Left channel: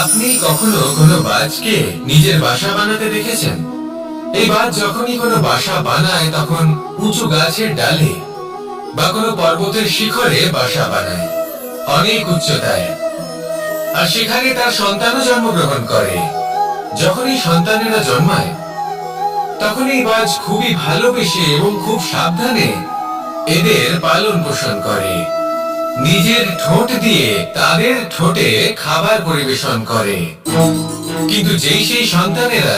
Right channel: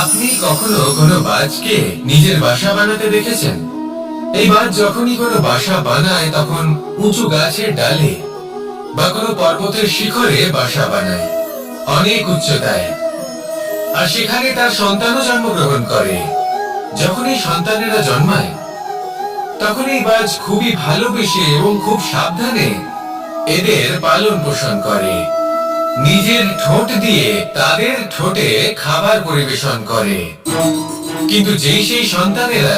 আপনি কখনো কোনো বাজকে নিজের বাসা বানাতে দেখেছেন? এই বাজ যখনই কোনো বাসা বানায় তখন উঁচু গাছের ডালে বা কোনো পর্বতের শিখরে বাসা বানায়, অনেক উচ্চতায়। আর সেখানে তার সন্তানও জন্মগ্রহণ করে। যখন এই সন্তানেরা জন্মায় তখন এই বাজ খুবই ভালোবেসে এবং খুব সাবধানে এদের পালন পোষণ করে। নিজের ঠোঁট দিয়ে তাদের ঠোঁটে খাবার পরিবেশন করে। কিন্তু যেই সেই সন্তানেরা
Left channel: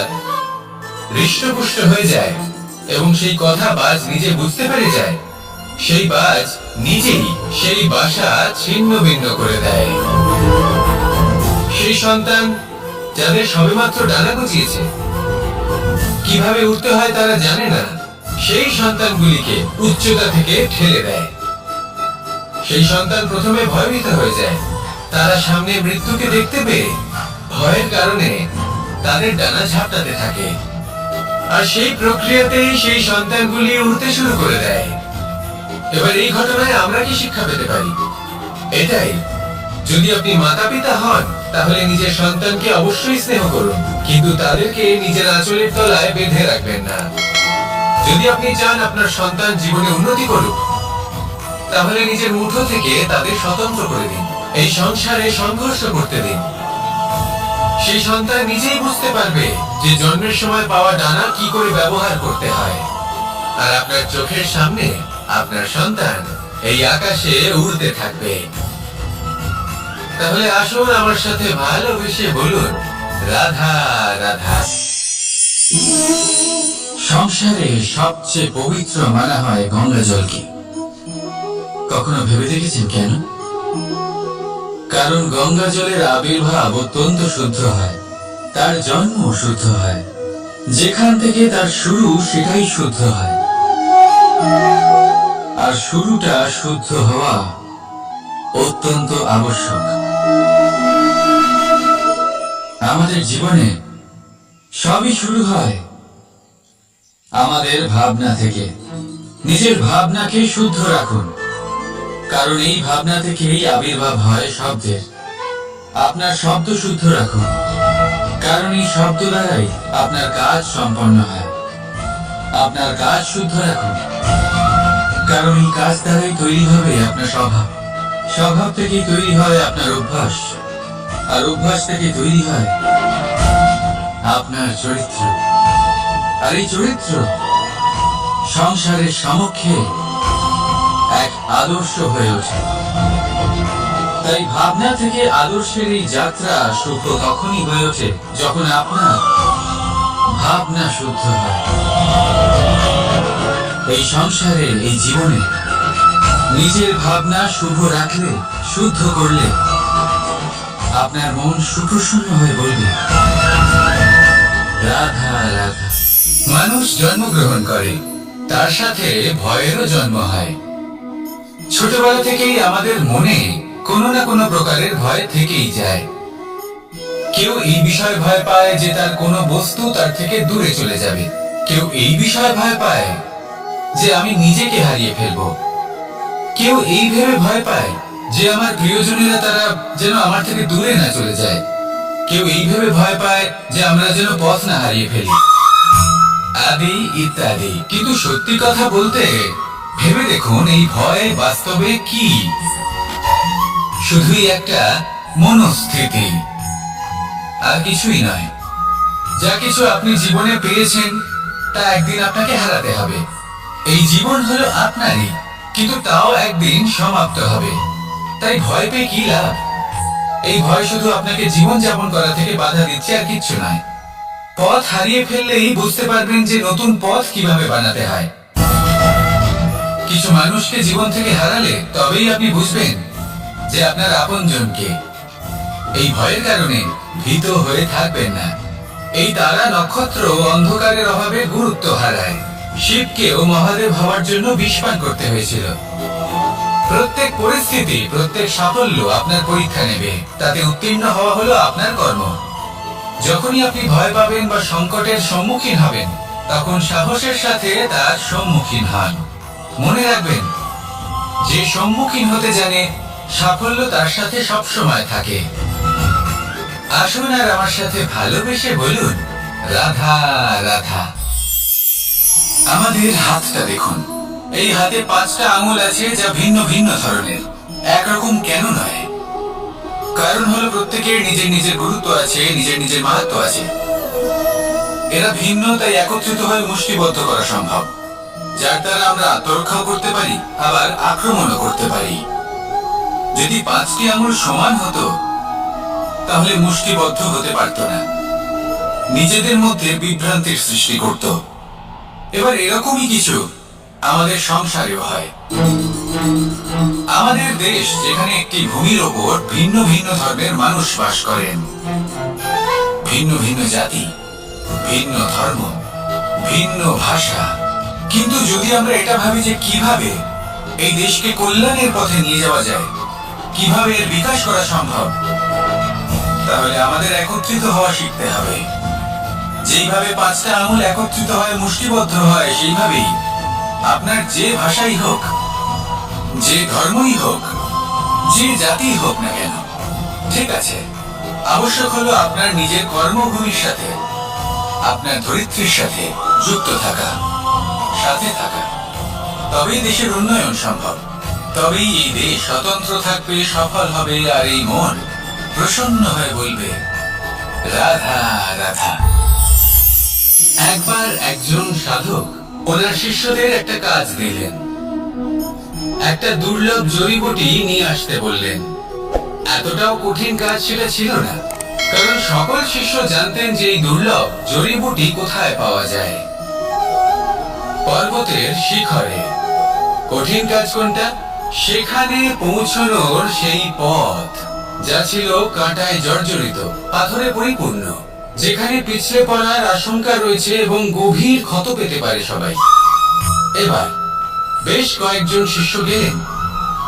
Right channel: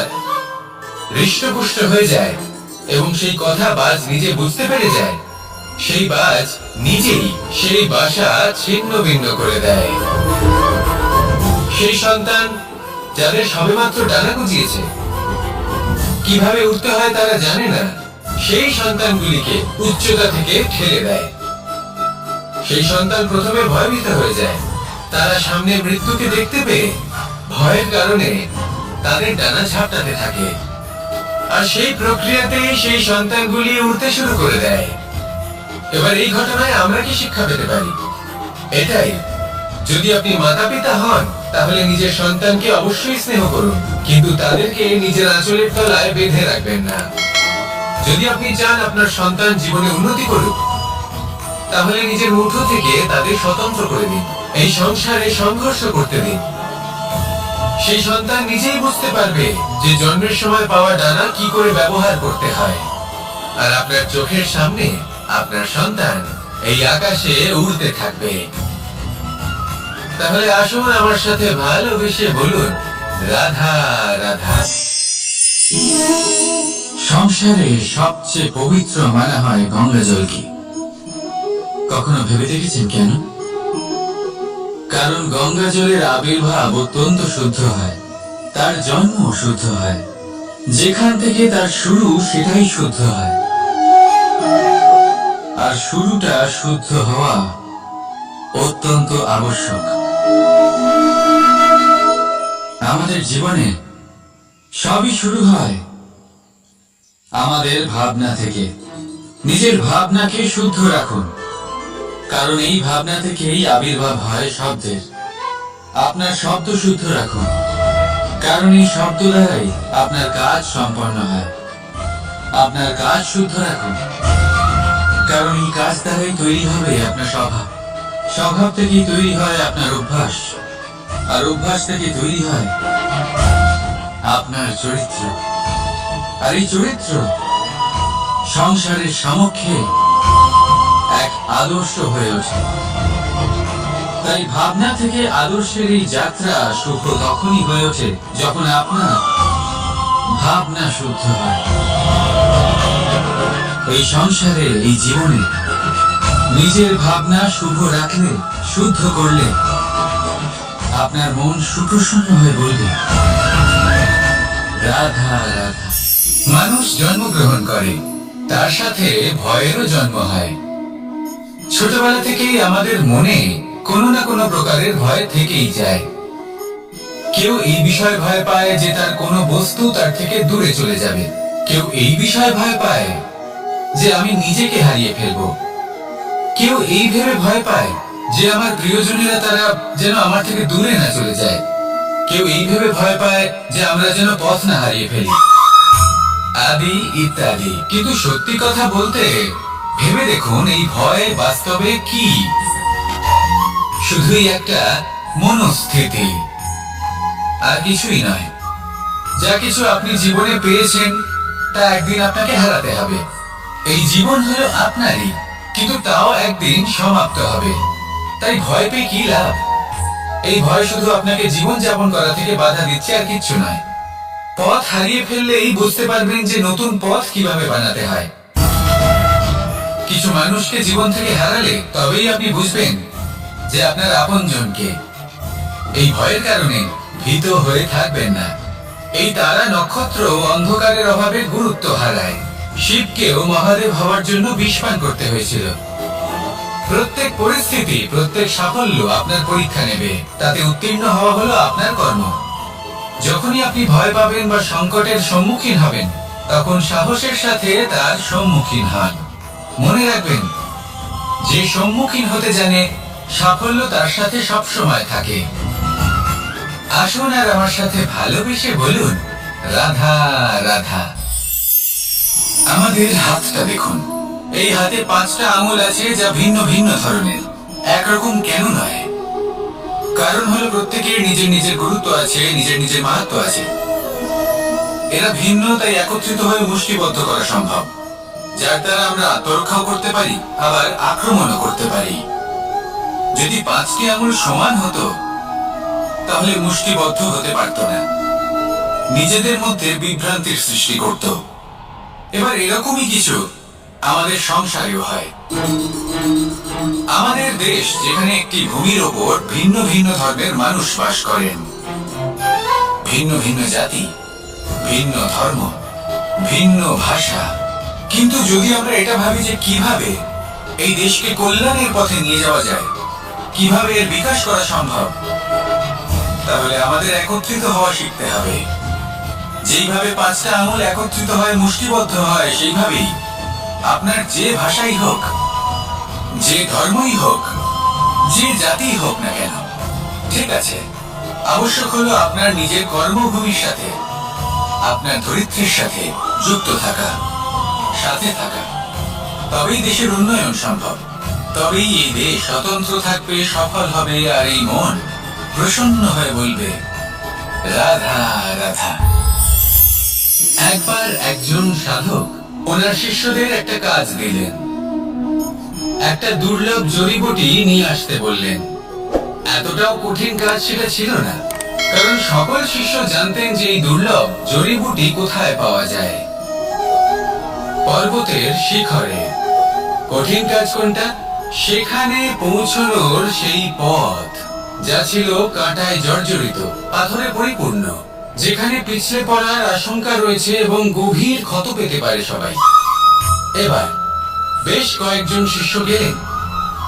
হৃষ্টপুষ্ট হয়ে যায় এবং সেই কথা বাজ নিজে বুঝতে পেরে যায়, সেই বাজ নিজেই সেই বাসা ছিন্ন ভিন্ন করে দেয়। সেই সন্তান যাদের সবেমাত্র ডানা গজিয়েছে, কিভাবে উঠতে হয় তারা জানে না, সেই সন্তানগুলিকে উচ্চতা থেকে ঠেলে দেয়। সেই সন্তান প্রথমে ভয়ভীত হয়ে যায়। তারা সামনে মৃত্যুকে দেখতে পেয়ে ভয়ের কারণে তাদের ডানা ঝাপটাতে থাকে। আর সেই প্রক্রিয়াতেই সেই সন্তানগুলি উড়তে শুরু করে দেয়। এবার এই ঘটনায় আমরা কি শিক্ষা পেতে পারি? এটাই, যদি আপনি মাতা পিতা হন তাহলে নিজের সন্তানকে অবশ্যই স্নেহ করুন, কিন্তু তাদেরকে নিজের আঁচলের তলায় বেঁধে রাখবেন না। যদি আপনি চান আপনার সন্তান জীবনে উন্নতি করুক, তাহলে নিজের মুঠো থেকে তাদের স্বতন্ত্র করে দিন। এই সংসারে সংঘর্ষ করতে দিন। সেই সন্তান নিজেই বুঝতে পারবে যে জন্মের সময় পাওয়া ডানা কি করে ব্যবহার করতে হয়। আর আপনার চোখের সামনে আপনার সন্তান এই আকাশে উড়তে থাকবে। তাহলে আসুন আমার সাথে ভালোবেসে বলুন, রাধা রাধা। সংসারে সবচেয়ে পবিত্র মানা হয় গঙ্গা জলকে। কখনো ভেবে দেখেছেন কেন? কারণ গঙ্গা জলের আবির্ভাব অত্যন্ত শুদ্ধ হয়, তার জন্ম শুদ্ধ হয়, যেখান থেকে তার শুরু সেটাই শুদ্ধ হয়। আর শুরুটা শুদ্ধ হওয়া অত্যন্ত আবশ্যক। আমাদের জীবনে সবই শুরু হয় আমাদের ভাবনা থেকে। নিজের ভাবনাকে শুদ্ধ রাখুন, কারণ এই ভাবনা থেকেই আবির্ভাব হয় শব্দের। আপনার শব্দ শুদ্ধ রাখুন, কারণ এই শব্দ দ্বারাই আপনার কাজ সম্পন্ন হয়। আপনার কাজ শুদ্ধ রাখুন, কারণ এই কাজ দ্বারাই তৈরি হবে আপনার স্বভাব। স্বভাব থেকেই তৈরি হয় আপনার অভ্যাস, আর অভ্যাস থেকে তৈরি হয় আপনার চরিত্র। আর এই চরিত্র সংসারের সমক্ষে এক আদর্শ হয়ে ওঠে। তাই ভাবনা থেকে আদর্শের এই যাত্রা শুভ তখনই হয়ে ওঠে যখন আপনার ভাবনা শুদ্ধ হয়। এই সংসারে, এই জীবনে নিজের ভাবনা শুভ রাখলে, শুদ্ধ করলে আপনার মন সুপ্রসন্ন হয়ে বলবে, রাধা রাধা। মানুষ জন্মগ্রহণ করে, তার সাথে ভয়েরও জন্ম হয়। ছোটবেলা থেকেই আমাদের মনে কোনো না কোনো প্রকারের ভয় থেকেই যায়। কেউ এই বিষয়ে ভয় পায় যে তার কোনো বস্তু তার থেকে দূরে চলে যাবে। কেউ এই বিষয়ে ভয় পায় যে আমি নিজেকে হারিয়ে ফেলবো। কেউ এই ভেবে ভয় পায় যে আমার প্রিয়জনেরা তারা যেন আমার থেকে দূরে না চলে যায়। কেউ এই ভেবে ভয় পায় যে আমরা যেন পথ না হারিয়ে ফেলি, আদি ইত্যাদি। কিন্তু সত্যি কথা বলতে, ভেবে দেখুন এই ভয় বাস্তবে কি? শুধুই একটা মনস্থিতি, আর কিছুই নয়। যা কিছু আপনি জীবনে পেয়েছেন তা একদিন আপনাকে হারাতে হবে। এই জীবন হলো আপনারই, কিন্তু তাও একদিন সমাপ্ত হবে। তাই ভয় পেয়ে কি লাভ? এই ভয় শুধু আপনাকে জীবন যাপন করা থেকে বাধা দিচ্ছে, আর কিচ্ছু নয়। পথ হারিয়ে ফেললেই বুঝতে পারবেন যে নতুন পথ কিভাবে বানাতে হয়। কিছু মানুষকে জীবন থেকে হারালে তবেই আপনি বুঝবেন যে আপনার আপনজনকে। এই ভয়ের কারণে ভীত হয়ে থাকবেন না। এই তারা নক্ষত্র অন্ধকারের অভাবে গুরুত্ব হারায়। শিবকেও মহাদেব হওয়ার জন্য বিষ পান করতে হয়েছিল। প্রত্যেক পরিস্থিতি, প্রত্যেক সাফল্য আপনার পরীক্ষা নেবে, তাতে উত্তীর্ণ হওয়া হলো আপনার কর্ম। যখনই আপনি ভয় পাবেন বা সংকটের সম্মুখীন হবেন, তখন সাহসের সাথে তার সম্মুখীন হন। মনে রাখবেন, যে সম্মুখীন হতে জানে সাফল্য তার সাথে সবসময় থাকে। আসুন আর আমার সাথে ভালোবেসে বলুন, রাধা রাধা। আমাদের হাতটা দেখুন। এই হাতে 5টা আঙুল আছে, যা ভিন্ন ভিন্ন ধরনের। একরকম কেন নয়? কারণ হলো প্রত্যেকের নিজের নিজের গুরুত্ব আছে, নিজের নিজের মাহাত্ম্য আছে। এরা ভিন্ন, তাই একত্রিত হয়ে মুষ্টিবদ্ধ করা সম্ভব, যার দ্বারা আমরা আত্মরক্ষাও করতে পারি, আবার আক্রমণও করতে পারি। যদি 5টি আঙুল সমান হতো তাহলে মুষ্টিবদ্ধ হতে পারত না, নিজেদের মধ্যে বিভ্রান্তির সৃষ্টি করত। এবার এরকমই কিছু আমাদের সংসারেও হয়। আমাদের দেশ, যেখানে একটি ভূমির ওপর ভিন্ন ভিন্ন ধর্মের মানুষ বাস করেন, ভিন্ন ভিন্ন জাতি, ভিন্ন ধর্ম, ভিন্ন ভাষা। কিন্তু যদি আমরা এটা ভাবি যে কিভাবে এই দেশকে কল্যাণের পথে নিয়ে যাওয়া যায়, কিভাবে এর বিকাশ করা সম্ভব, তাহলে আমাদের একত্রিত হওয়া শিখতে হবে। যেইভাবে 5টা আঙুল একত্রিত হয়ে মুষ্টিবদ্ধ হয়, সেইভাবেই আপনার যে ভাষাই হোক, যে ধর্মই হোক, যে জাতি হোক না কেন, ঠিক আছে, আবশ্যক হলো আপনার নিজের কর্মভূমির সাথে, আপনার ধরিত্রীর সাথে যুক্ত থাকা, সাথে থাকা। তবেই দেশের উন্নয়ন সম্ভব, তবেই এই দেশ স্বতন্ত্র থাকবে, সফল হবে, আর এই মন প্রসন্ন হয়ে বলবে, রাধা রাধা। একবার একজন সাধক ওনার শিষ্যদের একটা কাজ দিলেন। একটা দুর্লভ জড়িবুটি নিয়ে আসতে বললেন। এতটাও কঠিন কাজ সেটা ছিল না, কারণ সকল শিষ্য জানতেন যে এই দুর্লভ জড়িবুটি কোথায় পাওয়া যায়। পর্বতের শিখরে। কঠিন কাজ কোনটা? সেখানে পৌঁছানোর সেই পথ, যা ছিল কাঁটায় জর্জরিত, পাথরে পরিপূর্ণ, যেখানে পিছলে পড়ার আশঙ্কা রয়েছে এবং গভীর ক্ষত পেতে পারে সবাই। এবার বেশ কয়েকজন শিষ্য গেলেন,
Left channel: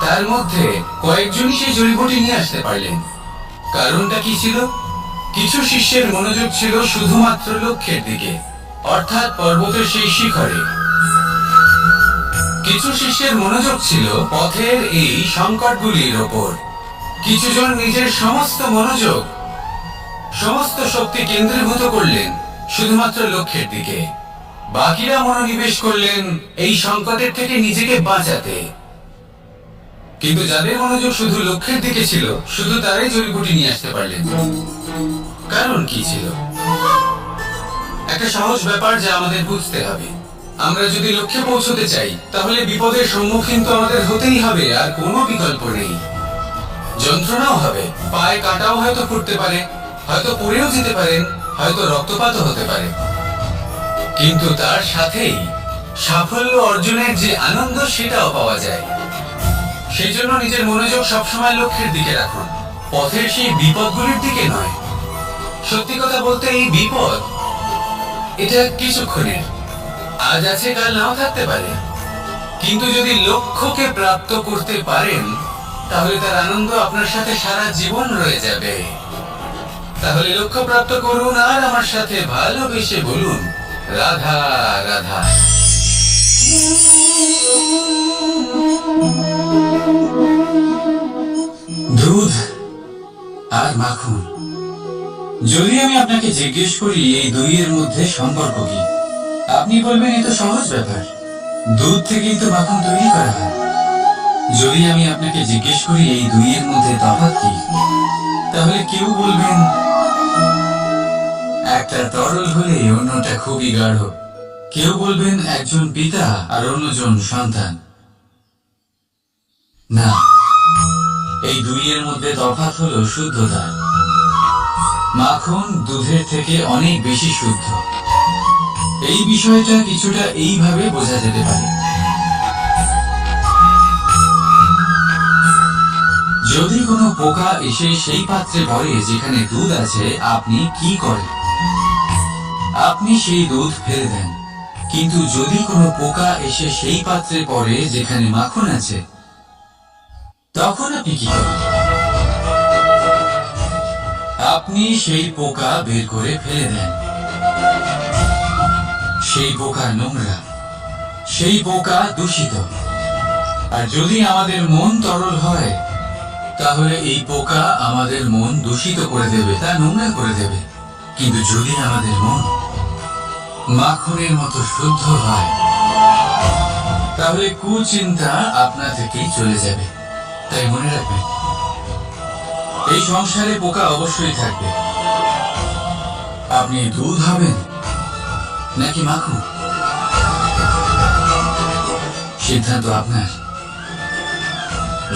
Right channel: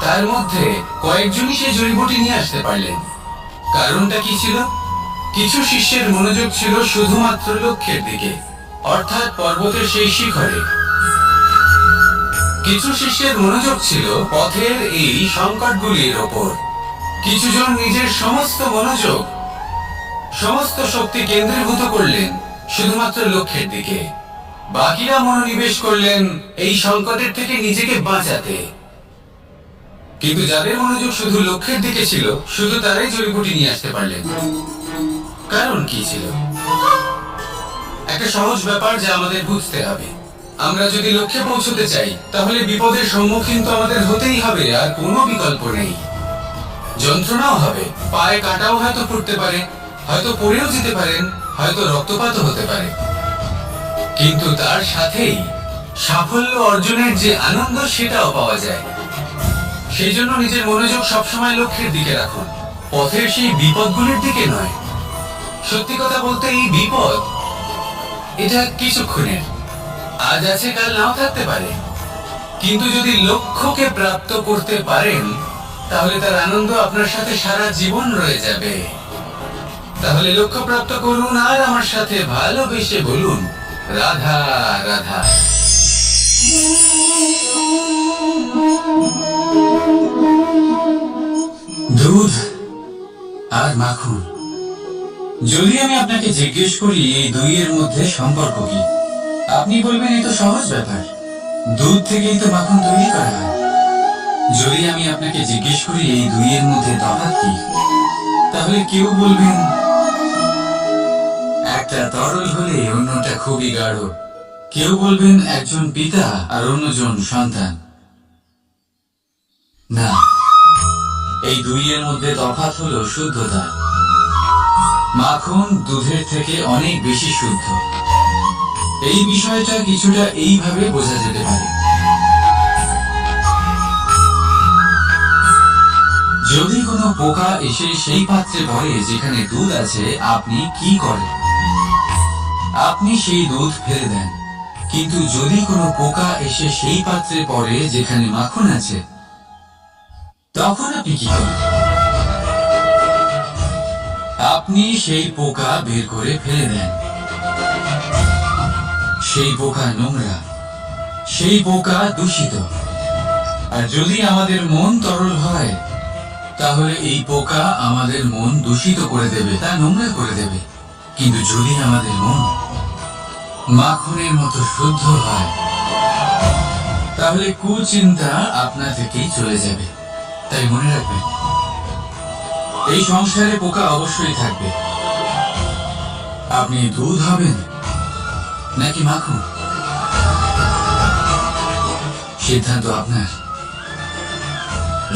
তার মধ্যে কয়েকজনই সেই জড়িবুটি নিয়ে আসতে পারলেন। কারণটা কি ছিল? কিছু শিষ্যের মনোযোগ ছিল শুধুমাত্র লক্ষ্যের দিকে, অর্থাৎ পর্বতের সেই শিখরে। কিছু শিষ্যের মনোযোগ ছিল পথের এই সংকটগুলির ওপর। কিছুজন নিজের সমস্ত মনোযোগ, সমস্ত শক্তি কেন্দ্রীভূত করলেন শুধুমাত্র লক্ষ্যের দিকে। বাকিরা মনোনিবেশ করলেন এই সংকটের থেকে নিজেকে বাঁচাতে। কিন্তু যাদের মনোযোগ শুধু লক্ষ্যের দিকে ছিল, শুধু তারাই জড়িবুটি নিয়ে আসতে পারলেন। কারণ কি ছিল? একটা সহজ ব্যাপার যা আমাদের বুঝতে হবে। আমরা যদি লক্ষ্যে পৌঁছতে চাই, তাহলে বিপদের সম্মুখীন তো আমাদের হতেই হবে, আর কোনো বিকল্প নেই। যন্ত্রণাও হবে, পায়ে কাঁটাও হয়তো ফুটতে পারে, হয়তো পড়েও যেতে পারেন, হয়তো রক্তপাতও হতে পারে। কিন্তু তার সাথেই সাফল্য অর্জনের যে আনন্দ, সেটাও পাওয়া যায়। সেই জন্য নিজের মনোযোগ সবসময় লক্ষ্যের দিকে রাখুন, পথের সেই বিপদগুলির দিকে নয়। সত্যি কথা বলতে, এই বিপদ এটা কিছুক্ষণের, আজ আছে কাল নাও থাকতে পারে। কিন্তু যদি লক্ষ্যকে প্রাপ্ত করতে পারেন, তাহলে তার আনন্দ আপনার সাথে সারা জীবন রয়ে যাবে। তাহলে লক্ষ্য প্রাপ্ত করুন আর আমার সাথে ভালোবেসে বলুন, রাধা রাধা। দুধ আর মাখন। যদি আমি আপনাকে জিজ্ঞেস করি এই দুইয়ের মধ্যে সম্পর্ক কি, আপনি বলবেন এ তো সহজ ব্যাপার, দুধ থেকেই তো মাখন তৈরি করা হয়। যদি আমি আপনাকে জিজ্ঞেস করি এই দুইয়ের মধ্যে তফাৎ কি, তাহলে কেউ বলবেন একটা তরল হলে অন্যটা খুবই গাঢ়। কেউ বলবেন একজন পিতা আর অন্যজন সন্তান। না, এই দুইয়ের মধ্যে তফাৎ হলো শুদ্ধতা। মাখন দুধের থেকে অনেক বেশি শুদ্ধ। এই বিষয়টা কিছুটা এইভাবে বোঝা যেতে পারে। যদি কোনো পোকা এসে সেই পাত্রে পড়ে যেখানে দুধ আছে, আপনি কি করেন? আপনি সেই দুধ ফেলে দেন। কিন্তু যদি কোনো পোকা এসে সেই পাত্রে পড়ে যেখানে মাখন আছে, তখন আপনি কি করেন? আপনি সেই পোকা বের করে ফেলে দেন। সেই পোকা নোংরা, সেই পোকা দূষিত। আর যদি আমাদের মন তরল হয়, তাহলে এই পোকা আমাদের মন দূষিত করে দেবে, তা নোংরা করে দেবে। কিন্তু যদি আমাদের মন মাখনের মতো শুদ্ধ হয়, তাহলে কুচিন্তা আপনা থেকেই চলে যাবে। তাই মনে রাখবেন, এই সংসারে পোকা অবশ্যই থাকবে। আপনি দুধ হবেন নাকি মাখন, সিদ্ধান্ত আপনার।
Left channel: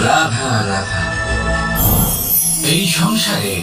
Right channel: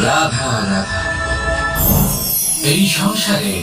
রাধা রাধা। এই সংসারে